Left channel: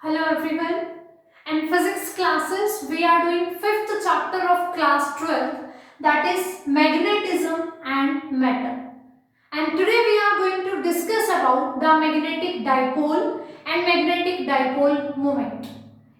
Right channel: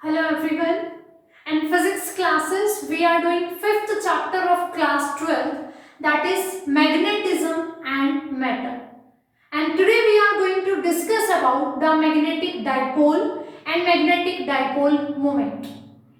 Hello everyone. In physics classes, we are doing fifth chapter of class 12, that is magnetism and matter. And today we are going to discuss about the magnetic dipole and magnetic dipole moment.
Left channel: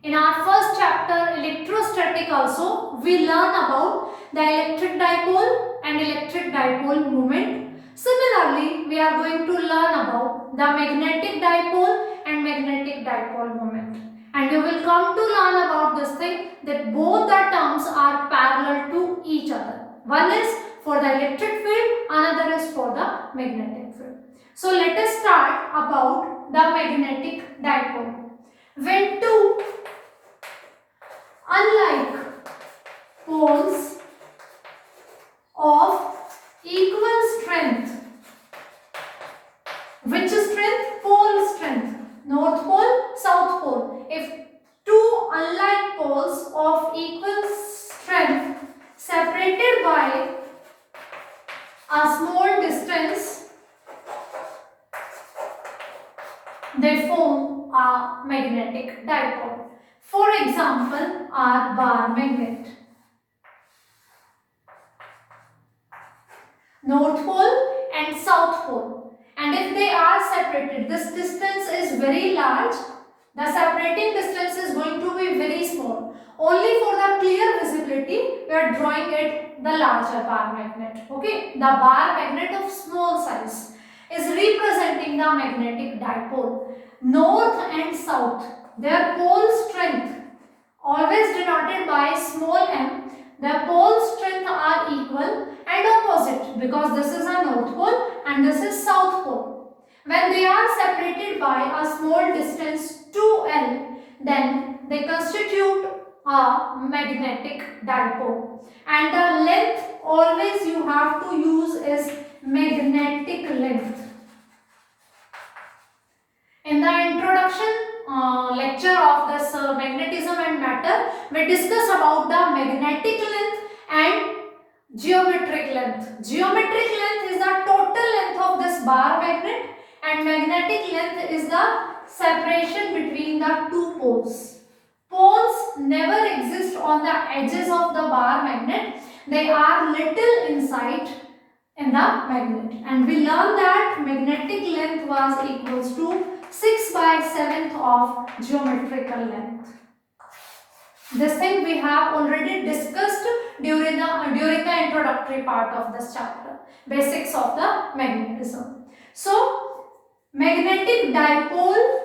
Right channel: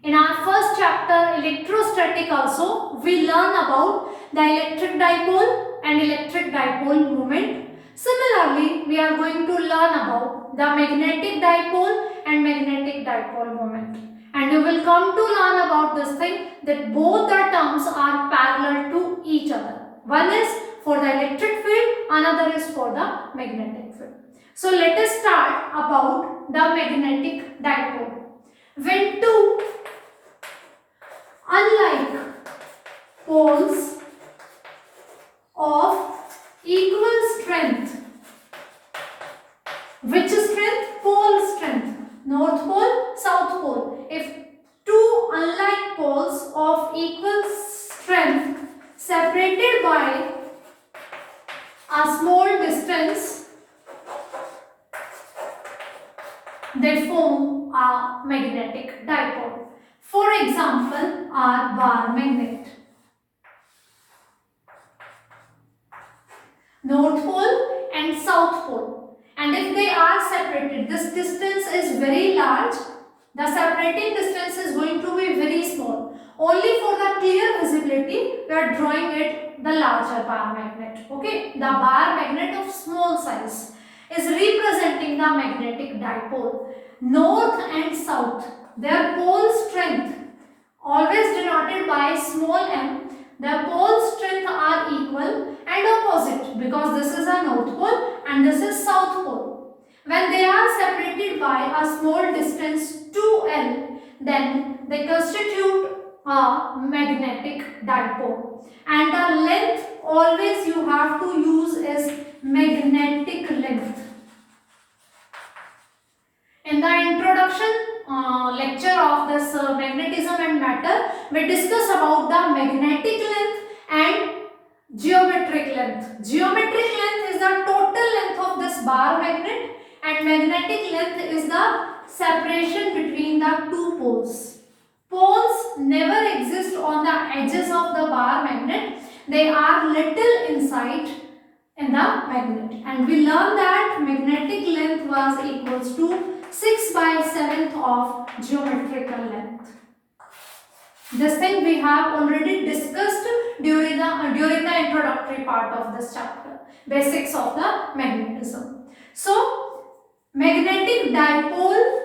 In our first chapter, electrostatic also, we learn about the electric dipole and electric dipole moment. Similarly, we are going to learn about the magnetic dipole and magnetic dipole moment. And you will come to learn about this thing that both the terms are parallel to each other. One is for the electric field, another is for the magnetic field. So let us start about the magnetic dipole. When two unlike poles of equal strength, which strength? Pole strength, north pole, south pole. If two unlike poles of equal strength separated by a small distance, they form a magnetic dipole. For example, our bar magnet. North pole and south pole. And if they are separated, this distance is very large. The separating distance is going to be very small. Only for the clear visibility, we are drawing it the larger bar magnet. Okay, the bar magnet of small size is representing the magnetic dipole. North and south, their pole strength always denoted by small m. The pole strength are equal and opposite because this is a north pole and this is south pole. When they are separated by a small distance 2L, then they constitute a magnetic dipole. And the length always you have to use is magnetic length. In the introduction lecture of this magnetism and matter, we discuss about the magnetic length and geometric length. Geometric length is the total length of this bar magnet and magnetic length is the separation between the two poles. Poles never exist on the edges of the bar magnet. They are little inside in the magnet, and we learn that magnetic length was equals to 6 by 7th of geometrical length. This thing we have already discussed during the introductory part of this chapter, basics of the magnetism. So, magnetic dipole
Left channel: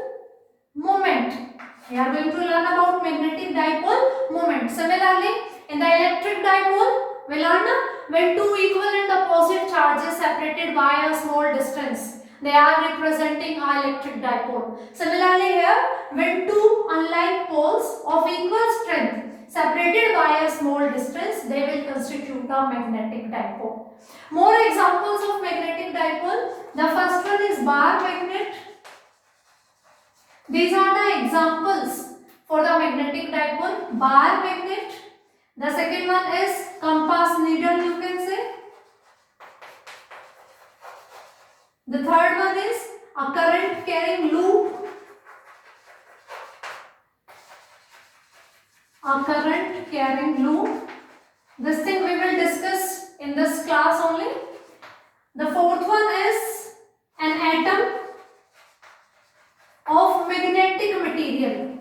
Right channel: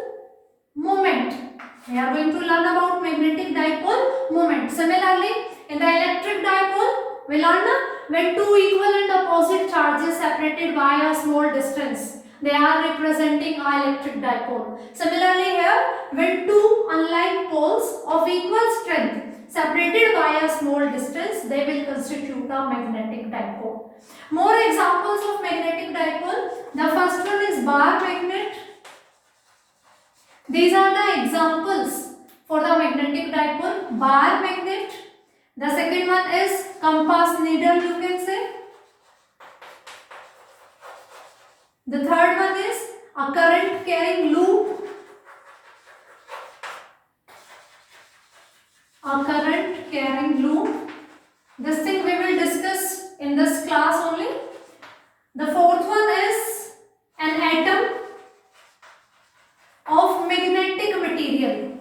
moment. We are going to learn about magnetic dipole moment. Similarly, in the electric dipole, we learn when two equal and opposite charges separated by a small distance, they are representing our electric dipole. Similarly here, when two unlike poles of equal strength separated by a small distance, they will constitute a magnetic dipole. More examples of magnetic dipole. The first one is bar magnet. These are the examples for the magnetic dipole. Bar magnet. The second one is compass needle, you can say. The third one is a current carrying loop. A current carrying loop. This thing we will discuss in this class only. The fourth one is an atom of magnetic material.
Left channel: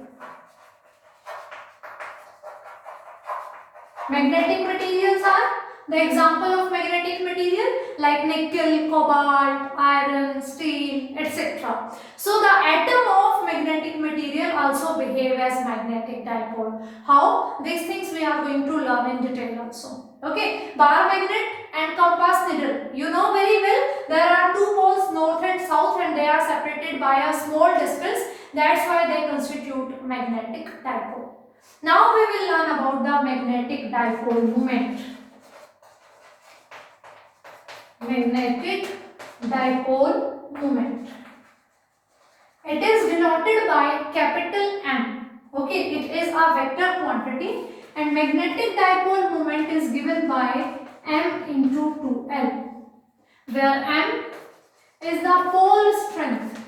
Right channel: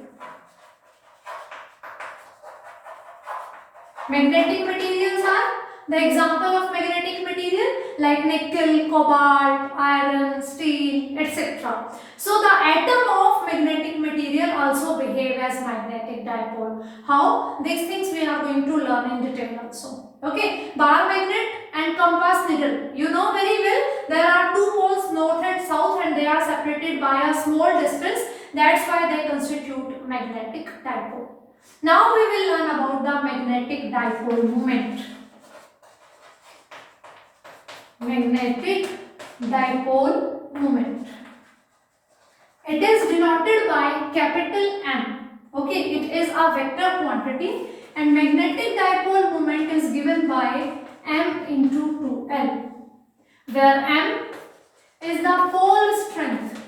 Magnetic materials are the example of magnetic material like nickel, cobalt, iron, steel, etc. So the atom of magnetic material also behave as magnetic dipole. How? These things we are going to learn in detail also. Okay, bar magnet and compass needle. You know very well there are two poles north and south and they are separated by a small distance. That's why they constitute magnetic dipole. Now we will learn about the magnetic dipole moment. Magnetic dipole moment. It is denoted by capital M. Okay, it is a vector quantity and magnetic dipole moment is given by M into 2L, where M is the pole strength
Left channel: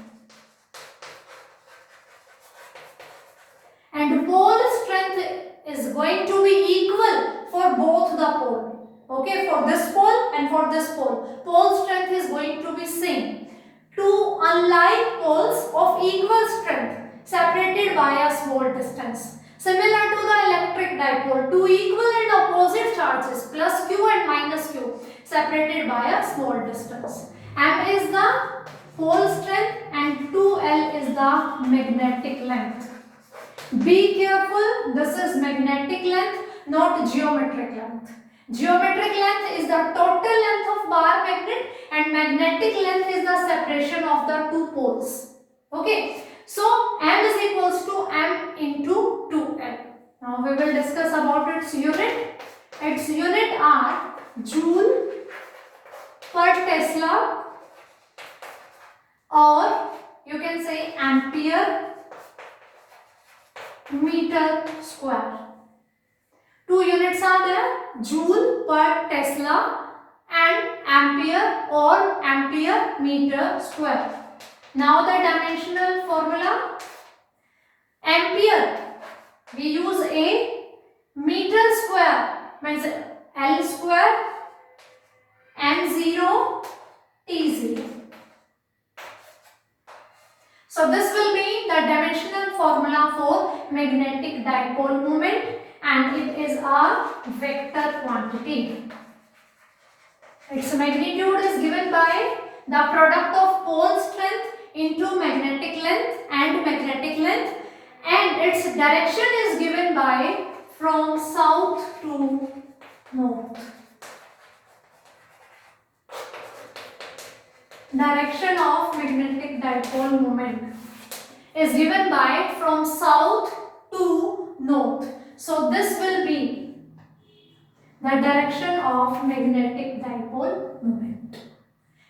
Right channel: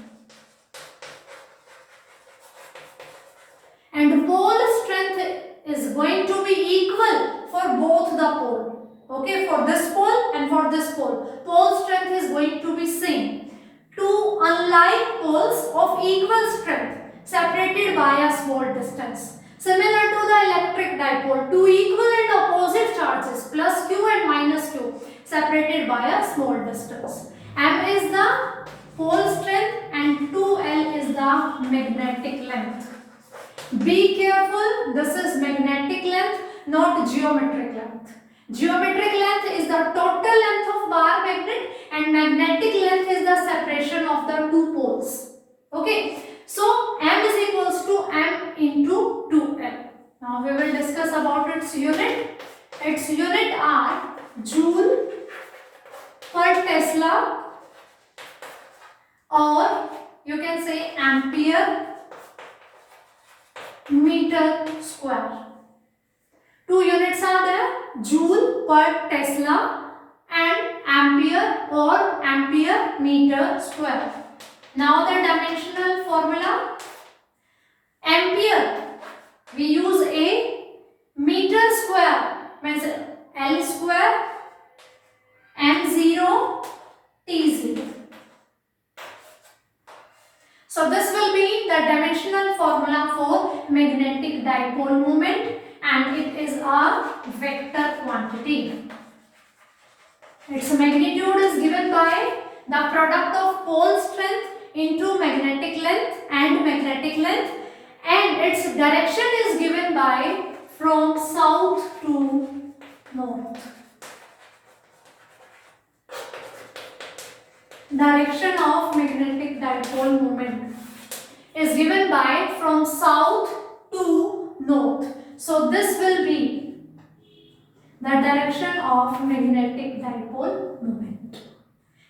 small distance. Similar to the electric dipole, two equal and opposite charges plus q and minus q separated by a small distance. M is the pole strength and 2L is the magnetic length. Be careful, this is magnetic length, not geometric length. Geometric length is the total length of bar magnet and magnetic length is the separation of the two poles. Okay, so M is equals to M into 2L. Now we will discuss about its unit. Its unit are joule per Tesla, or you can say ampere meter square. Two units are there, joule per Tesla and ampere or ampere meter square. Now the dimensional formula. Ampere, we use a meter square, means L square M0 T0. So this will be the dimensional formula for magnetic dipole moment, and it is a vector quantity. Its magnitude is given by the product of pole strength into magnetic length, and its direction is given by from south to north. Direction of magnetic dipole moment is given by from south to north. So this will be the direction of magnetic dipole moment.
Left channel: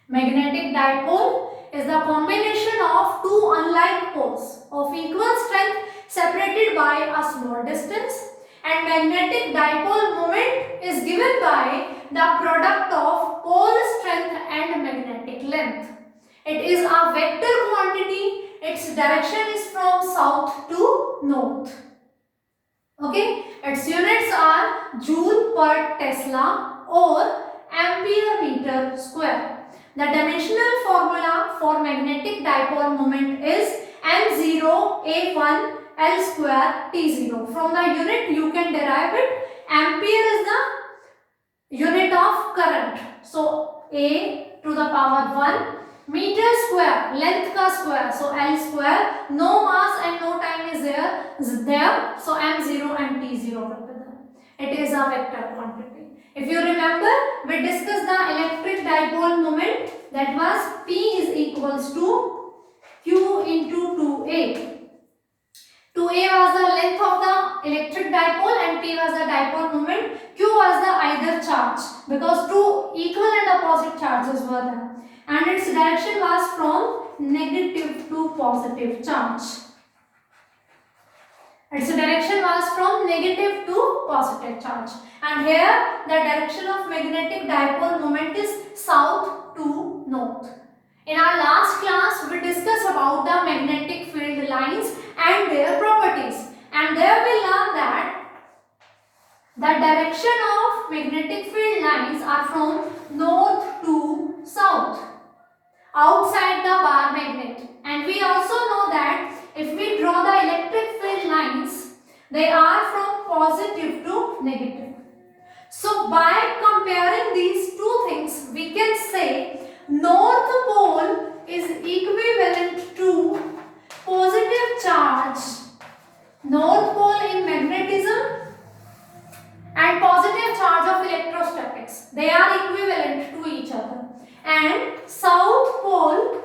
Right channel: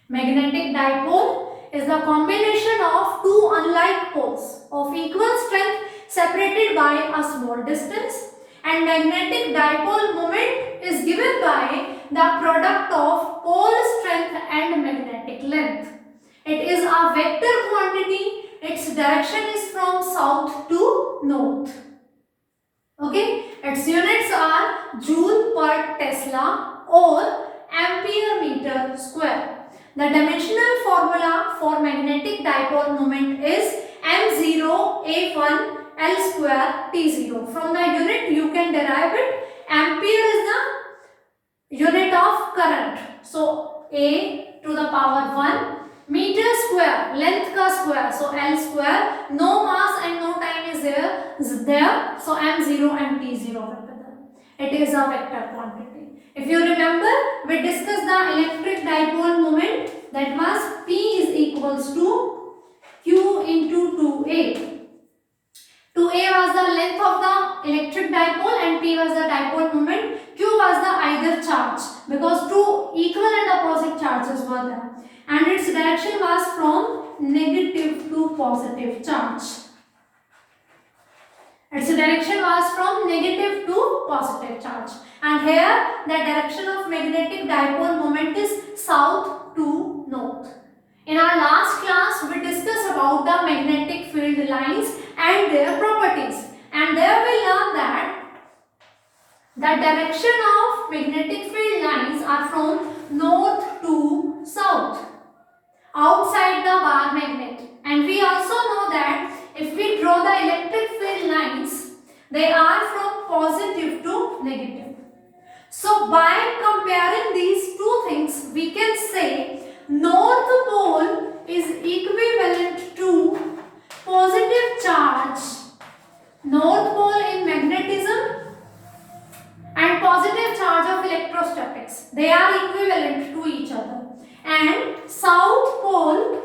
Magnetic dipole is the combination of two unlike poles of equal strength separated by a small distance, and magnetic dipole moment is given by the product of pole strength and magnetic length. It is a vector quantity. Its direction is from south to north. Okay, its units are joule per Tesla or ampere meter square. The dimensional formula for magnetic dipole moment is M0 A1 L square T0. From the unit you can derive it. Ampere is the unit of current. So A to the power 1. Meter square, length ka square, so L square. No mass and no time is there. So M0 and T0. It is a vector quantity. If you remember, we discussed the electric dipole moment, that was P is equals to Q into 2A. 2A was the length of the electric dipole and P was the dipole moment. Q was the either charge, because two equal and opposite charges were there. And its direction was from negative to positive charge. Its direction was from negative to positive charge. And here the direction of magnetic dipole moment is south to north. In our last class we discussed about the magnetic field lines and their properties. And there we learned that the direction of magnetic field lines are from north to south, outside the bar magnet. And we also know that if we draw the electric field lines, they are from positive to negative. So by comparing these two things, we can say north pole is equivalent to positive charge, north pole in magnetism and positive charge of electrostatics. They are equivalent to each other. And south pole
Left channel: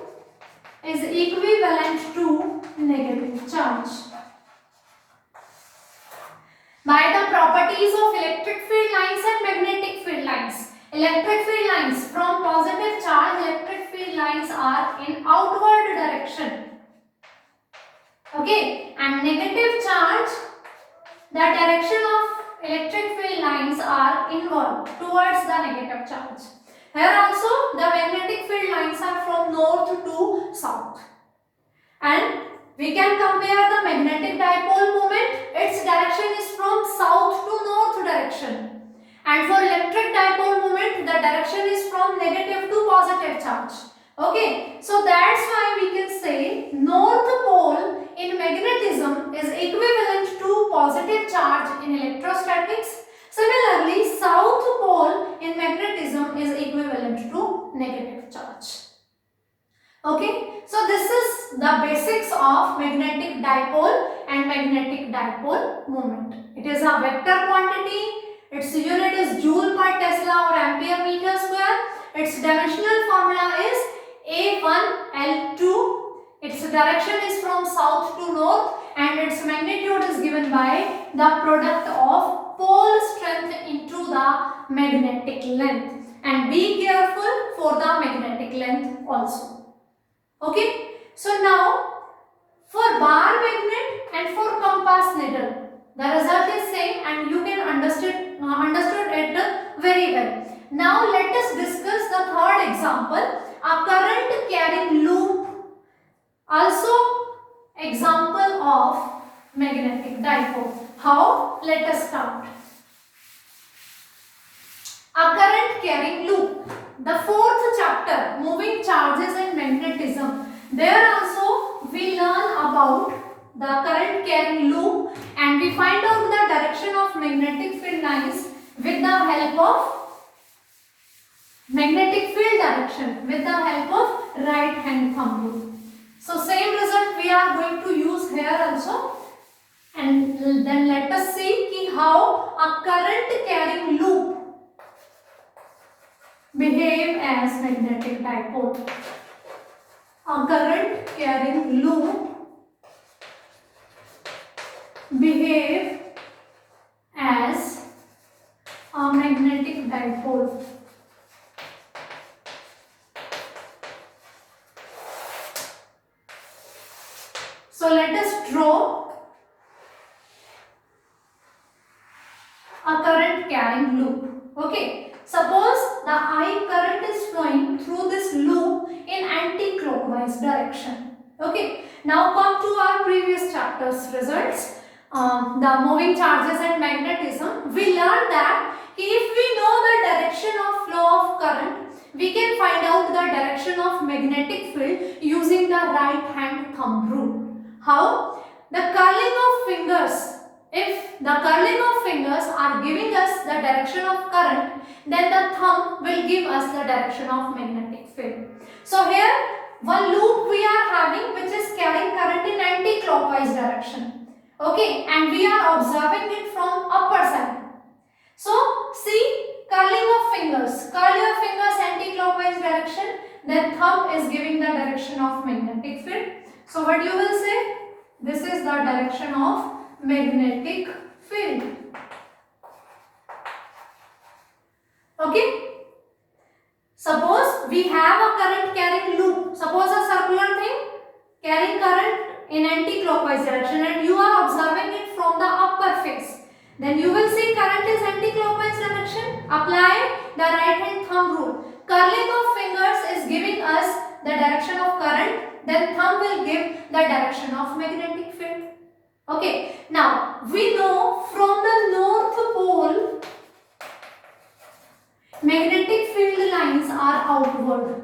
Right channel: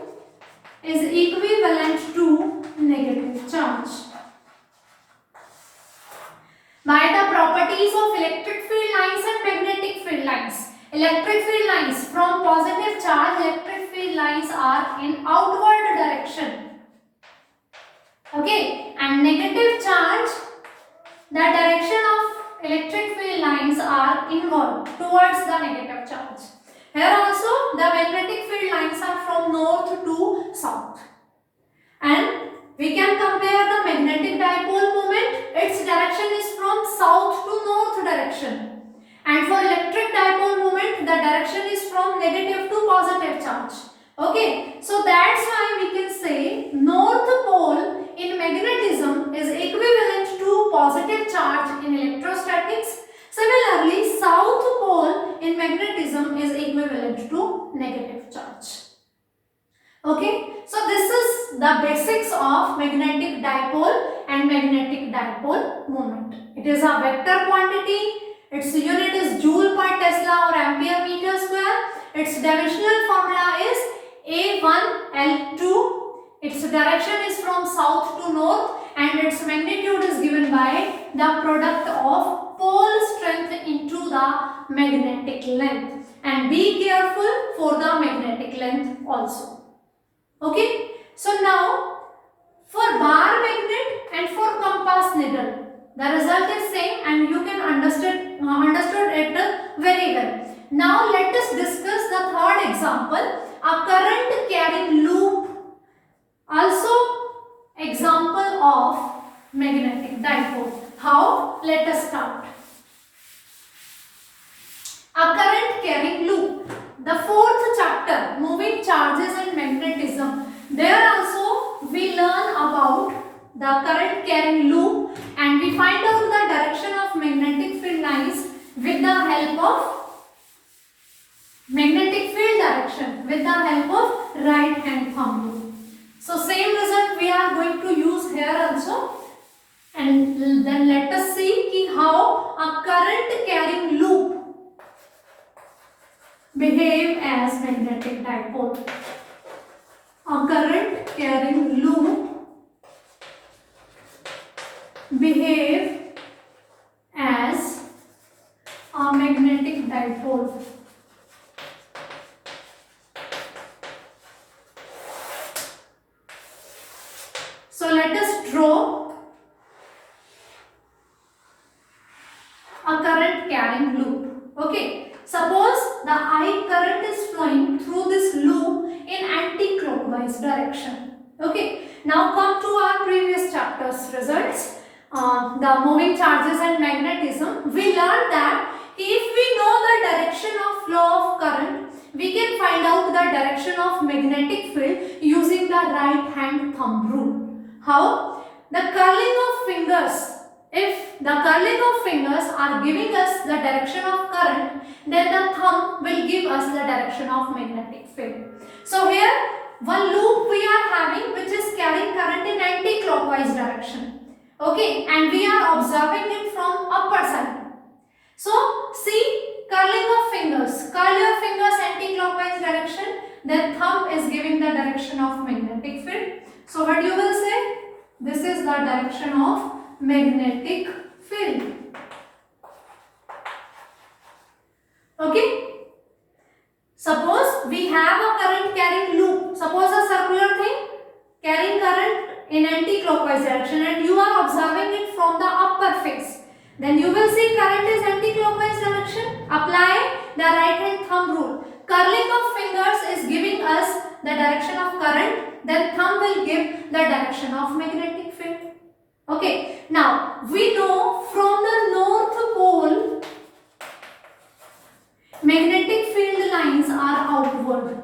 is equivalent to negative charge. By the properties of electric field lines and magnetic field lines. Electric field lines, from positive charge, electric field lines are in outward direction. Okay, and negative charge, the direction of electric field lines are inward, towards the negative charge. Here also the magnetic field lines are from north to south. And we can compare the magnetic dipole moment. Its direction is from south to north direction. And for electric dipole moment, the direction is from negative to positive charge. Okay, so that's why we can say north pole in magnetism is equivalent Okay, so this is the basics of magnetic dipole and magnetic dipole moment. It is a vector quantity. Its unit is joule per Tesla or ampere meter square. Its dimensional formula is A1L2. Its direction is from south to north, and its magnitude is given by the product of pole strength into the magnetic length. And be careful for the magnetic length also. Okay, so now for bar magnet and for compass needle, the result is same, and you can understood it very well. Now let us discuss the third example, a current carrying loop, also example of magnetic dipole. How? Let us start. A current carrying loop. The fourth chapter, moving charges and magnetism. There also we learn about the current carrying loop, and we find out the direction of magnetic field lines with the help of magnetic field direction with the help of right hand thumb rule. So same result we are going to use here also. And then let us see how a current carrying loop behave as magnetic dipole. A current carrying loop behave as a magnetic dipole. So let us draw a current carrying loop. Okay, suppose the I current is flowing through this loop in anti-clockwise direction. Okay, now come to our previous chapter's results, the moving charges and magnetism. We learned that if we know the direction of flow of current, we can find out the direction of magnetic field using the right hand thumb rule. How? The curling of fingers. If the curling of fingers are giving us the direction of current, then the thumb will give us the direction of magnetic field. So here one loop we are having which is carrying current in anti-clockwise direction. Okay, and we are observing it from upper side. So see, curling of fingers. Curl your fingers anti-clockwise direction, then thumb is giving the direction of magnetic field. So what you will say? This is the direction of magnetic field. Okay, suppose we have a current carrying loop, suppose a circular thing carrying current in anti-clockwise direction, and you are observing it from the upper face. Then you will see current is anti-clockwise direction. Apply the right hand thumb rule. Curling of fingers is giving us the direction of current, then thumb will give the direction of magnetic field. Okay, now we know from the north pole magnetic field lines are outward.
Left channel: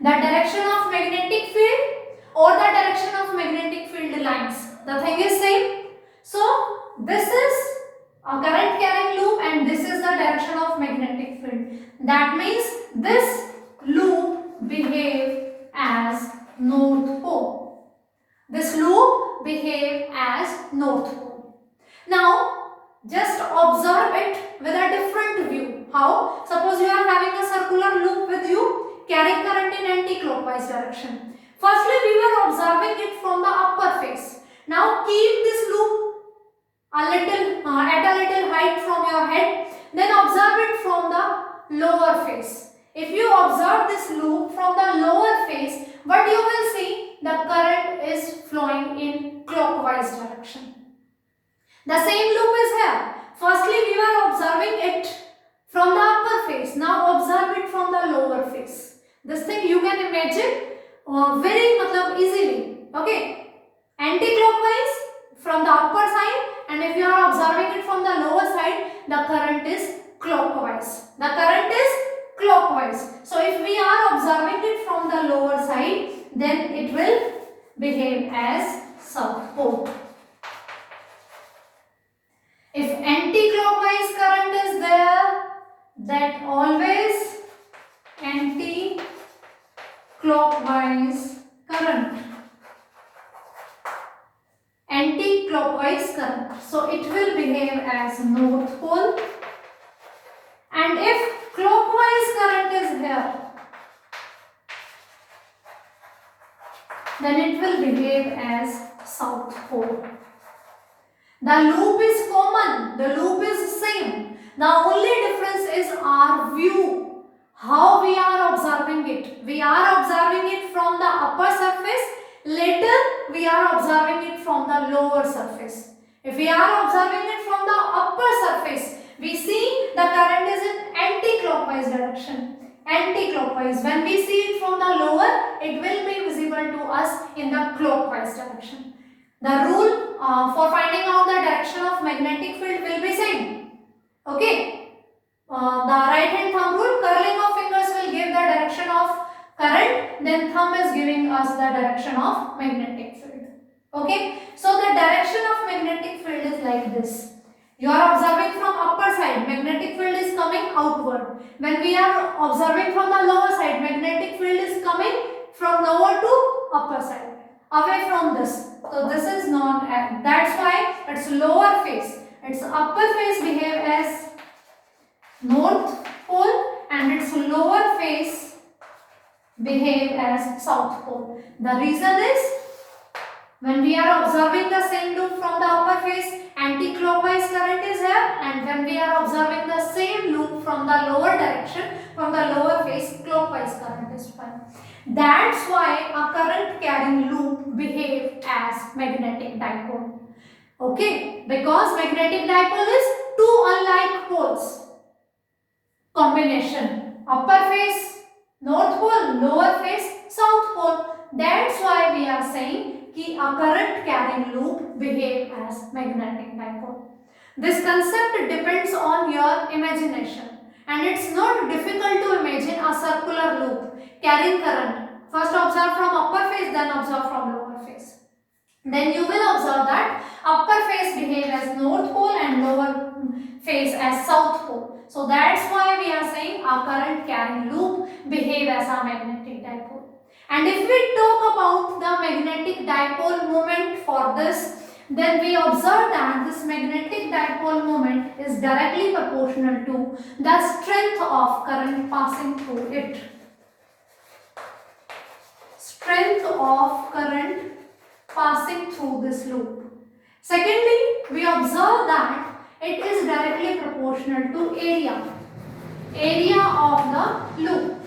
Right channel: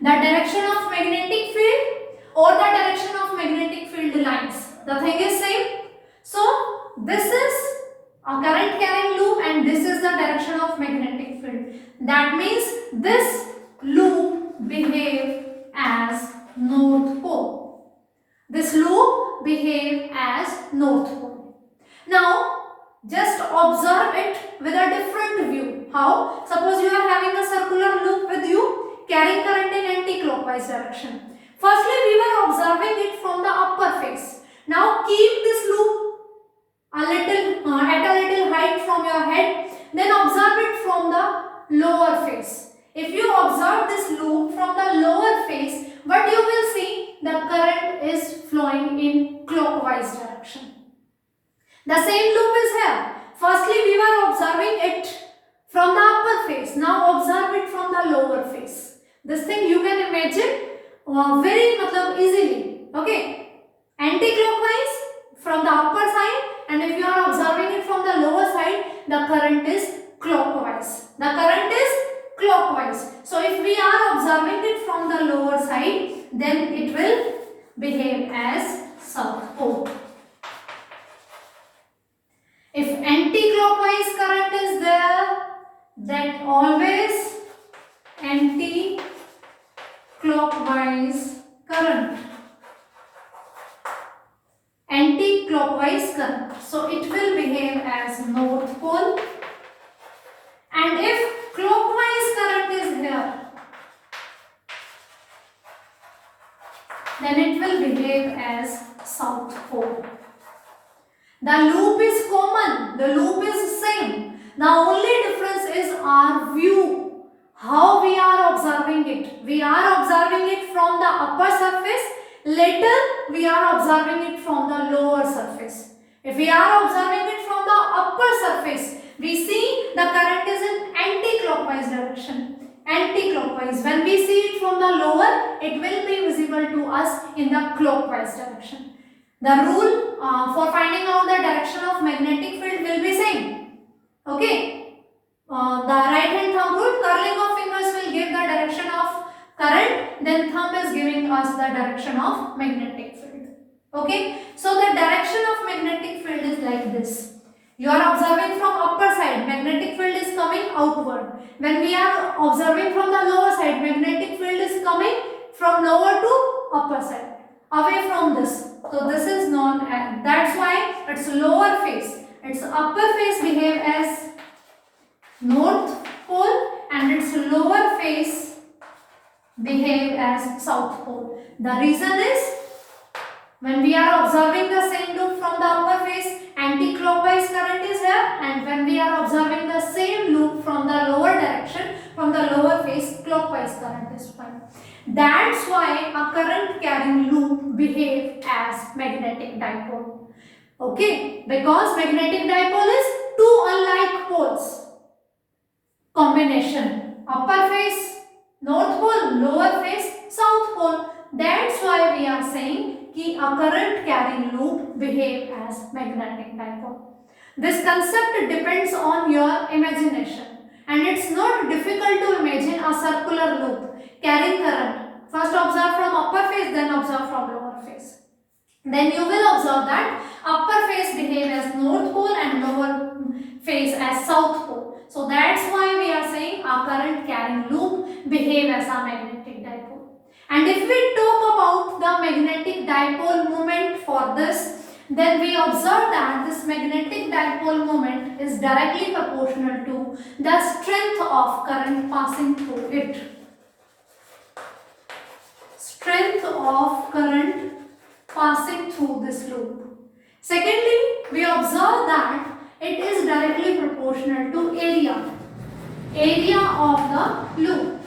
The direction of magnetic field or the direction of magnetic field lines, the thing is same. So this is a current carrying loop and this is the direction of magnetic field. That means this loop behave as north pole. This loop behave as north pole. Now just observe it with a different view. How? Suppose you are having a circular loop with you carrying current in anti-clockwise direction. Firstly we were observing it from the upper face. Now keep this loop at a little height from your head, then observe it from the lower face. If you observe this loop from the lower face, what you will see, the current is flowing in clockwise direction. The same loop is here. Firstly we were observing it from the upper face. Now observe it from the lower face. This thing you can imagine very easily. Okay, anti-clockwise from the upper side, and if you are observing it from the lower side, the current is clockwise. The current is clockwise. So if we are observing it from the lower side, then it will behave as south pole. If anti-clockwise current is there, then always anti-clockwise anti-clockwise current. Anti-clockwise current. So it will behave as north pole. And if clockwise current is here, then it will behave as south pole. The loop is common, the loop is same. The only difference is our view, how we are observing it. We are observing it from the upper surface, later we are observing it from the lower surface. If we are observing it from the upper surface, we see the current is in anti-clockwise direction. Anti-clockwise. When we see it from the lower, it will be visible to us in the clockwise direction. The rule for finding out the direction of magnetic field will be same. Okay. The right hand thumb rule, curling of fingers will give the direction of current, then thumb is giving us the direction of magnetic field. Okay. So the direction of magnetic field is like this. You are observing from upper side, magnetic field is coming outward. When we are observing from the lower side, magnetic field is coming from lower to upper side, away from this. So this is known as, that's why its lower face, its upper face behave as north pole and its lower face behave as south pole. The reason is, when we are observing the same loop from the upper face, anti-clockwise current is here, and when we are observing the same loop from the lower direction, from the lower face, clockwise current is found. That's why a current carrying loop behave as magnetic dipole. Okay, because magnetic dipole is two unlike poles combination, upper face north pole, lower face south pole. That's why we are saying कि a current carrying loop behave as magnetic dipole. This concept depends on your imagination, and it's not difficult to imagine a circular loop carrying current. First observe from upper face, then observe from lower face. Then you will observe that upper face behave as north pole and lower face as south pole. So that's why we are saying a current carrying loop behave as a magnetic dipole. And if we talk about the magnetic dipole moment for this, then we observe that this magnetic dipole moment is directly proportional to the strength of current passing through it. Strength of current passing through this loop. Secondly, we observe that it is directly proportional to area of the loop.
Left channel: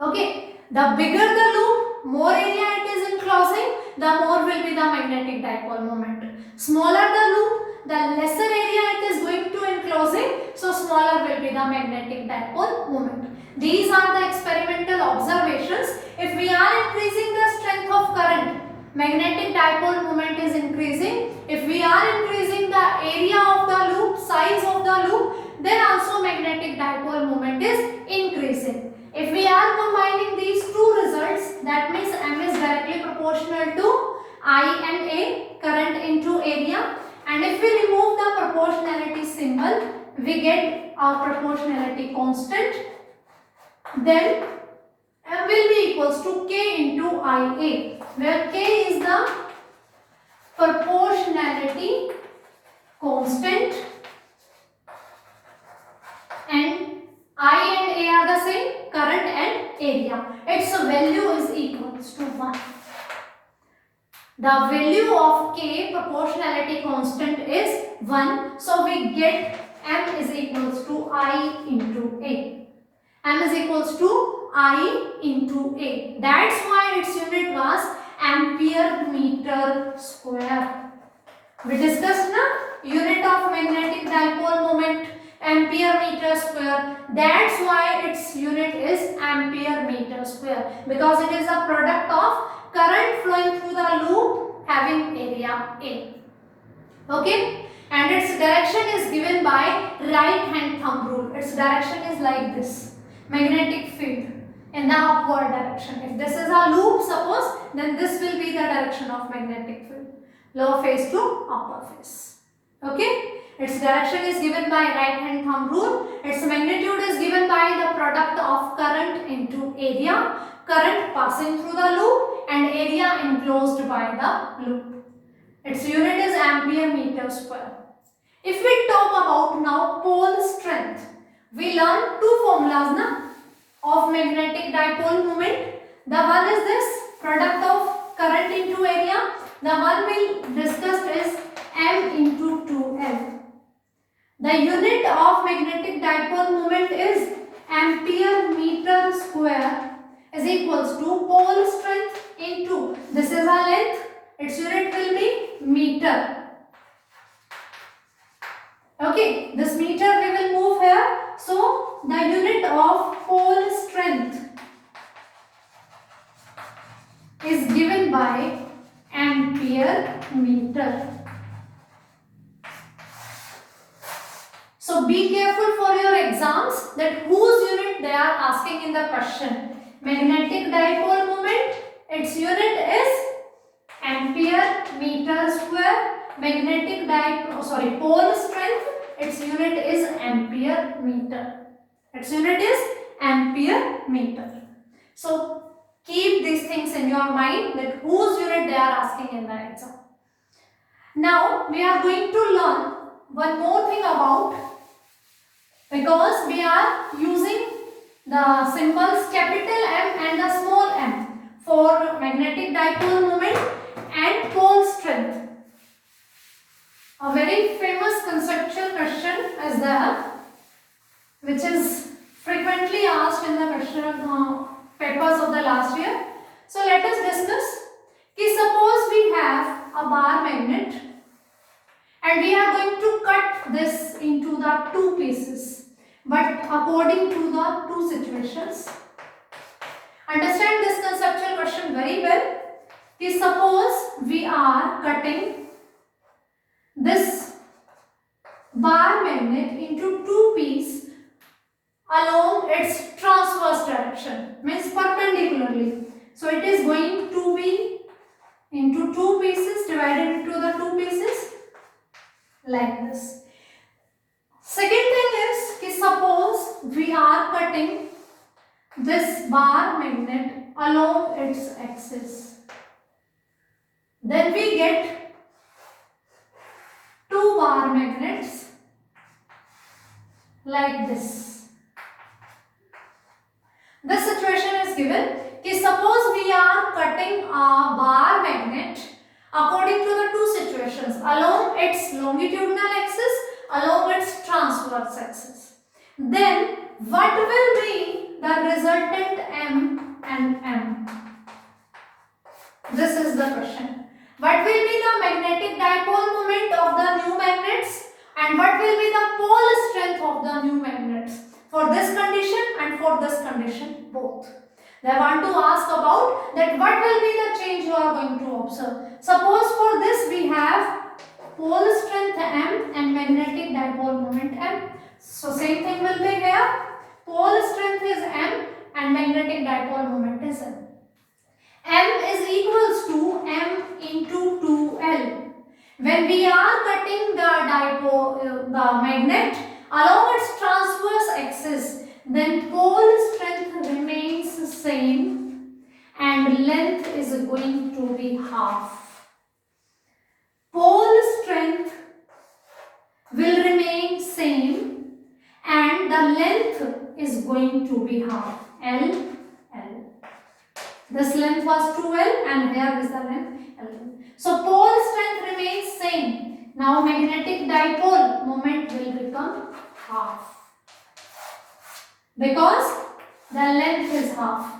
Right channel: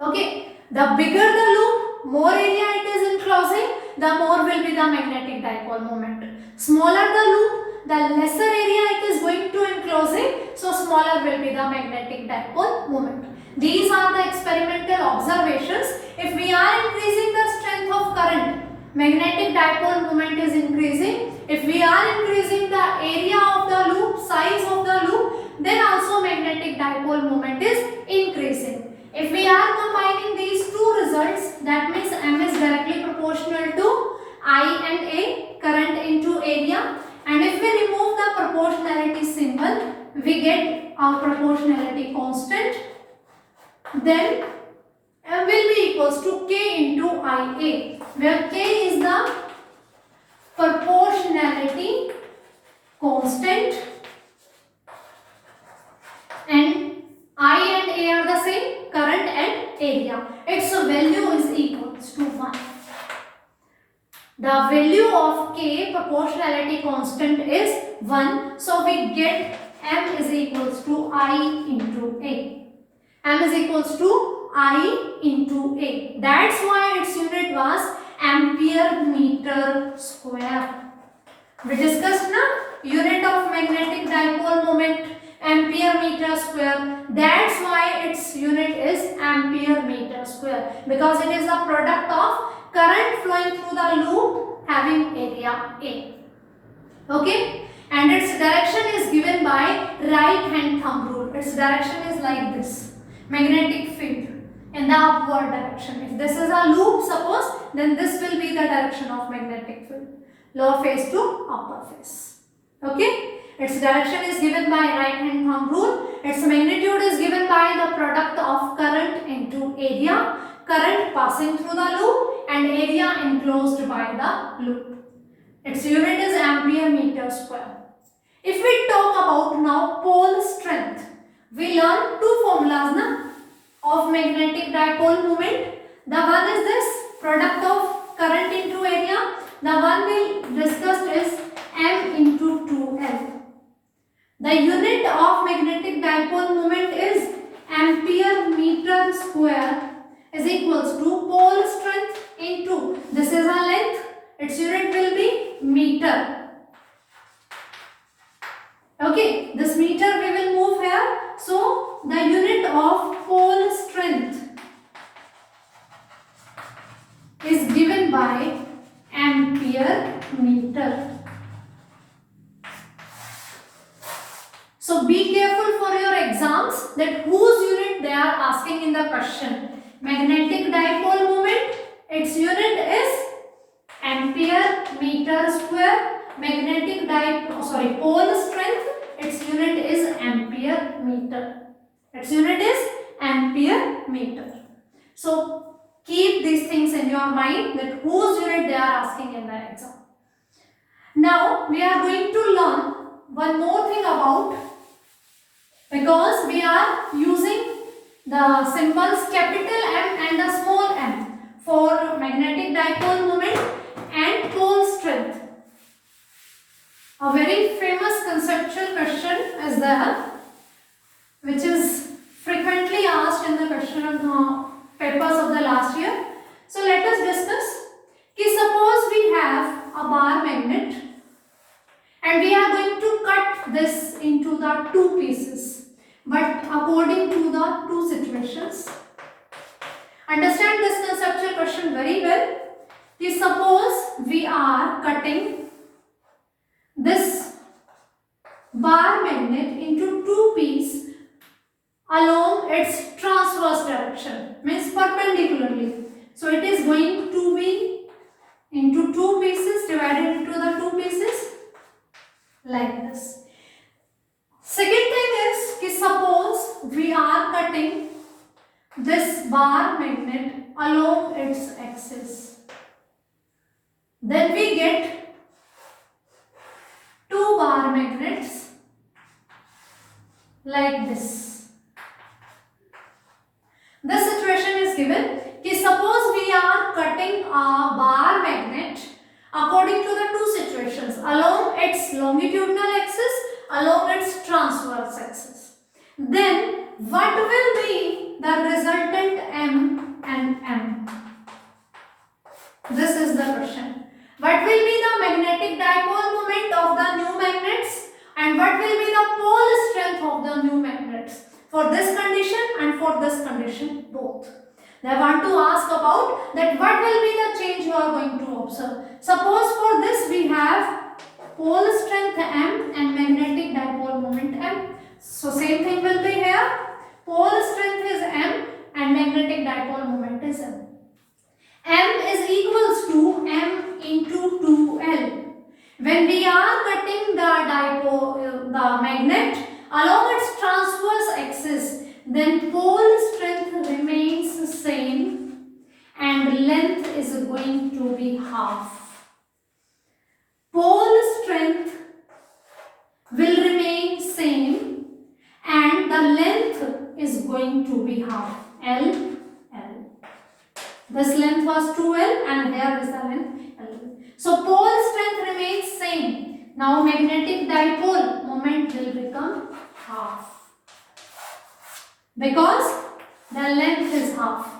Okay, the bigger the loop, more area it is enclosing, the more will be the magnetic dipole moment. Smaller the loop, the lesser area it is going to enclosing, so smaller will be the magnetic dipole moment. These are the experimental observations. If we are increasing the strength of current, magnetic dipole moment is increasing. If we are increasing the area of the loop, size of the loop, then also magnetic dipole moment is increasing. If we are combining these two results, that means M is directly proportional to I and A, current into area. And if we remove the proportionality symbol, we get our proportionality constant. Then M will be equals to K into IA, where K is the proportionality constant and I and A are the same, current and area. Its value is equals to 1. The value of K, proportionality constant, is 1. So we get M is equals to I into A. M is equals to I into A. That's why its unit was ampere meter square. We discussed now unit of magnetic dipole moment, ampere meter square. That's why its unit is ampere meter square, because it is a product of current flowing through the loop having area A. Okay, and its direction is given by right hand thumb rule. Its direction is like this, magnetic field in the upward direction. If this is a loop, suppose, then this will be the direction of magnetic field, lower face to upper face. Okay, its direction is given by right hand thumb rule. Its magnitude is given by the product of current into area. current passing through the loop and area enclosed by the loop. Its unit is ampere meter square. If we talk about now pole strength, we learn two formulas of magnetic dipole moment. The one is this product of current into area. The one we discussed is m into 2l. The unit of magnetic dipole moment is ampere meter square is equals to pole strength into, this is our length, its unit will be meter. Okay, this meter we will move here. So the unit of pole strength is given by ampere meter. So be careful for your exams that whose unit they are asking in the question. Magnetic dipole moment, its unit is ampere meter square. Magnetic pole strength, its unit is ampere meter. Its unit is ampere meter. So keep these things in your mind that whose unit they are asking in the exam. Now we are going to learn one more thing about, because we are using the symbols capital M and the small m for magnetic dipole moment and pole strength. A very famous conceptual question is there, which is frequently asked in the question papers of the last year. So let us discuss. Suppose we have a bar magnet and we are going to cut this into the two pieces, but according to the two situations. Understand this conceptual question very well. Suppose we are cutting this bar magnet into two pieces along its transverse direction, means perpendicularly. So it is going to be into two pieces, divided into the two pieces like this. Second thing is, suppose we are cutting this bar magnet along its axis. Then we get two bar magnets like this. This situation is given. Suppose we are cutting a bar magnet according to the two situations, along its longitudinal axis, along its transverse axis. Then what will be the resultant M and M? This is the question. What will be the magnetic dipole moment of the new magnets and what will be the pole strength of the new magnets for this condition and for this condition both? They want to ask about that what will be the change you are going to observe. Suppose for this we have pole strength M and magnetic dipole moment M. So same thing will be here. Pole strength is M and magnetic dipole moment is M. M is equals to M into 2L. When we are cutting the magnet along its transverse axis, then pole strength remains the same and length is going to be half. Pole strength will remain same and the length is going to be half. L. This length was 2L and here is the length L. So pole strength remains same. Now magnetic dipole moment will become half, because the length is half.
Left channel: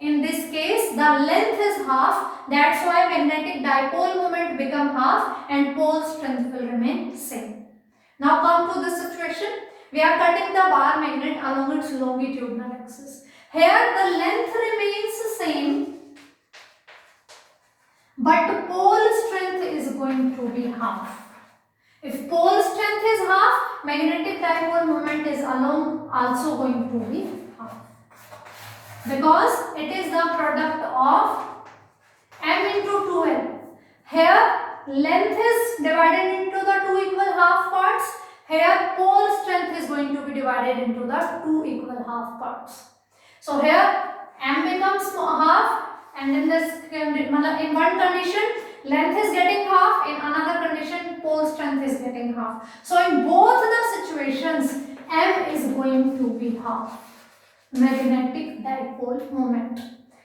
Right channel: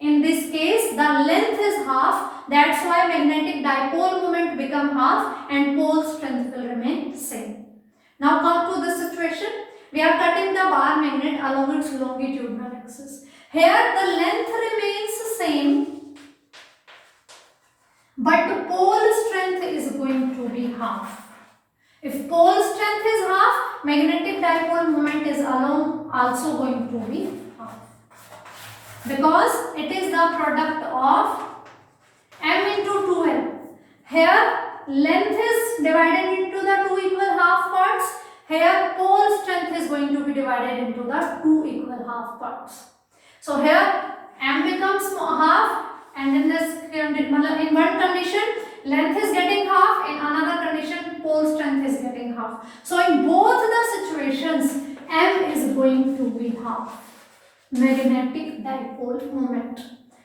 In this case the length is half, that's why magnetic dipole moment become half and pole strength will remain same. Now come to this situation. We are cutting the bar magnet along its longitudinal axis. Here the length remains same, but the pole strength is going to be half. If pole strength is half, magnetic dipole moment is also going to be half, because it is the product of M into 2L. Here length is divided into the two equal half parts. Here pole strength is going to be divided into the two equal half parts. So here M becomes half, and in in one condition length is getting half, in another condition pole strength is getting half. So in both the situations M is going to be half, magnetic dipole moment.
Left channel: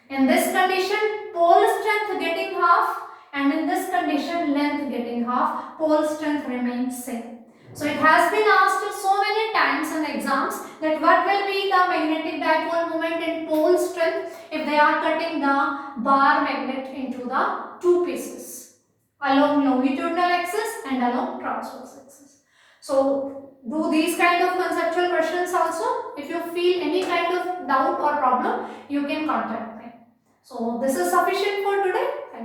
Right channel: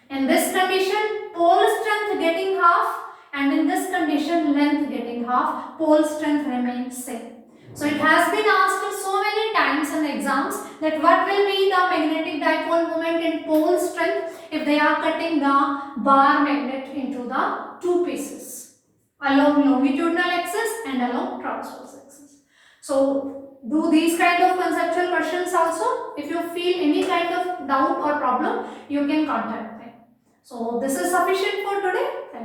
In this condition pole strength getting half, and in this condition length getting half, pole strength remains same. So it has been asked so many times in exams that what will be the magnetic dipole moment and pole strength if they are cutting the bar magnet into the two pieces along longitudinal axis and along transverse axis. So do these kind of conceptual questions also. If you feel any kind of doubt or problem, you can contact me. So this is sufficient for today. Thank you.